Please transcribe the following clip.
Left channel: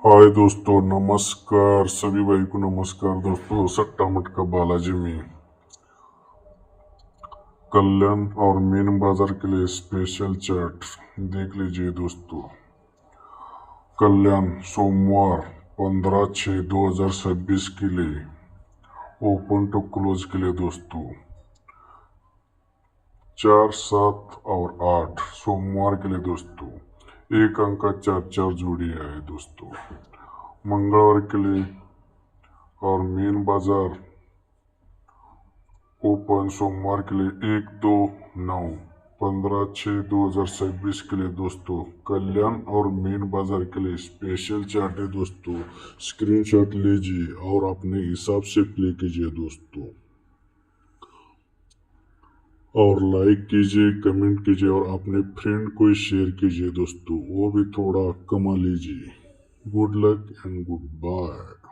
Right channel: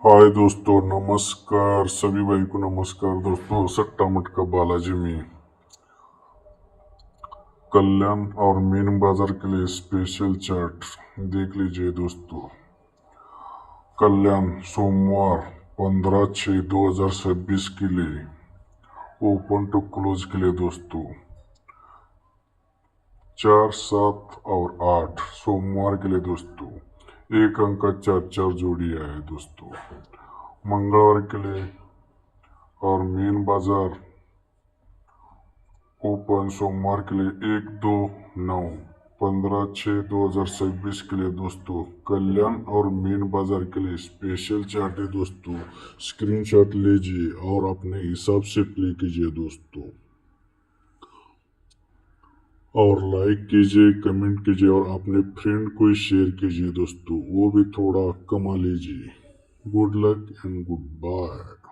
हाय दोस्तों, नमस्कार सभी भाई को। नमस्कार दोस्तों, सट्टा मटका बालाजी में कल्याण और मीन बाजार के लिए स्पेशल चार्ट देख लीजिए दोस्तों। कल्याण सोमवार 15/6/2026 के लिए ओपन टू क्लोज के लिए दोस्तों 4, 7 और 8 सोमवार के लिए दोस्तों एक अंक का 4 4 जोड़िया है दोस्तों। मंगलवार के लिए और मेन बाजार ओपन सोमवार के लिए 1, 2, 9, 15/6/2026 के लिए दोस्तों कल्याण और मेन बाजार के लिए स्पेशल चार्ट है दोस्तों। स्क्रीनशॉट लीजिए और अपने हिसाब से प्ले कीजिए दोस्तों, और लाइक कीजिए, कमेंट कीजिए और अपने फ्रेंड को शेयर कीजिए दोस्तों, वो भी थोड़ा कमा लीजिए। Good luck and good bye.